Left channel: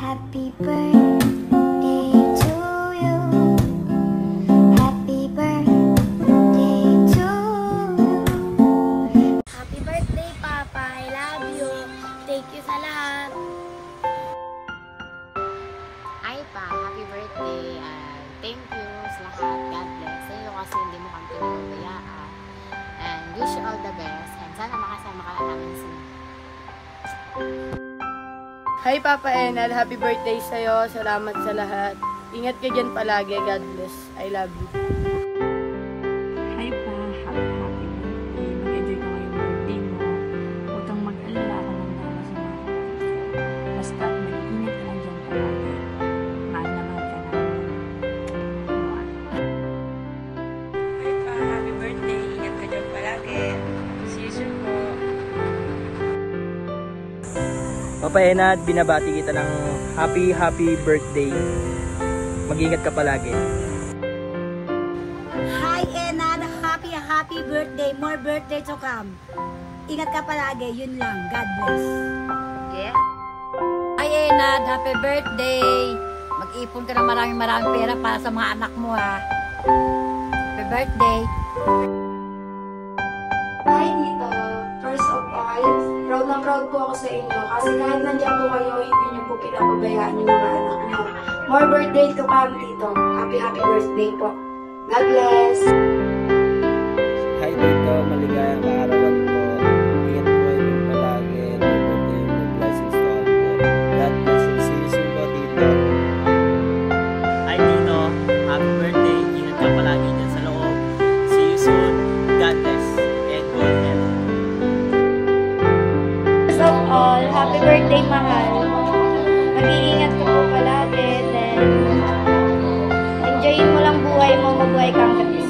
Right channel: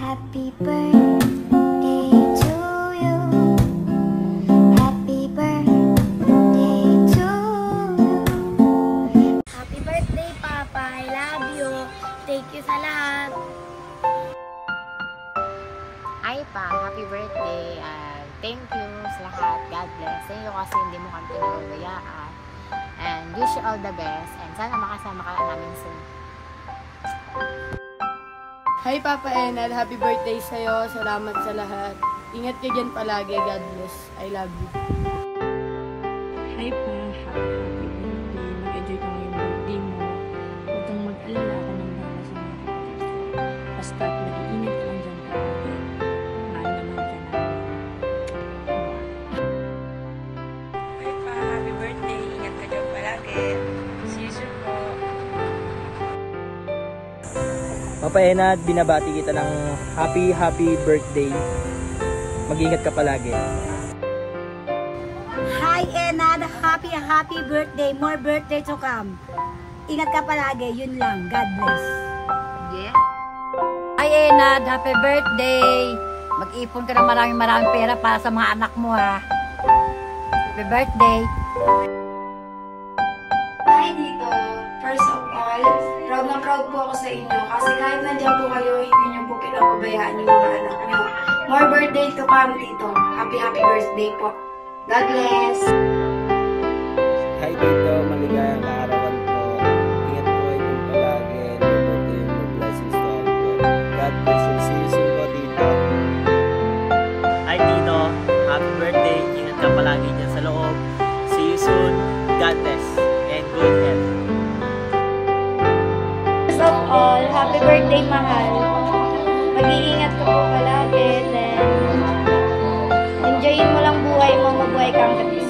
Happy birthday to you. Happy birthday to you. Happy birthday, Papa. I love you. Thank you sa lahat. Ay pa, happy birthday and thank you sa lahat. God bless. Thank you kasi hindi mo kami pinagbayaan. And wish you all the best. And sana makasama ka namin soon. Hi Papa Enal, happy birthday sa'yo. Salamat sa lahat. Ingat ka dyan palagi. God bless. I love you. Hi pa, happy birthday. Mag-enjoy ka ngayong birthday mo. Huwag kang mag-alala ako ng drama sa mga kapatid ko. Basta mag-iingat ka lang dyan palagi. Mahal na mahal ka namin. Hi pa, happy birthday. Ingat ka dyan palagi. See you soon po. Papa Enad, binabati kita ng happy birthday. Mag-ingat ka palagi. Hi, Enad. Happy birthday. More birthday to come. Ingat ka palagi. Yun lang. God bless. Yeah. Hi, Enad. Happy birthday. Mag-ipon ka ng maraming pera para sa mga anak mo, ha. Happy birthday. Hi, Tito. First of all, proud na proud po ako sa inyo kasi kahit nandiyan po kayo, hindi niyo po pinapabayaan yung mga anak niyo. More birthday to come, Tito. Happy birthday po. God bless. Hi, Tito. Maligayang kaarawan po. Ingat po kayo dun palagi. More birthday yung more blessings to all po. God bless and see you soon po, Tito. Hi Tito, happy birthday. Ingat ka palagi dyan sa loob. See you soon. God bless. And good health. First of all, happy birthday, mahal. Mag-iingat ka po palagi. Then, enjoyin mo lang buhay mo. Mabuhay kang katis.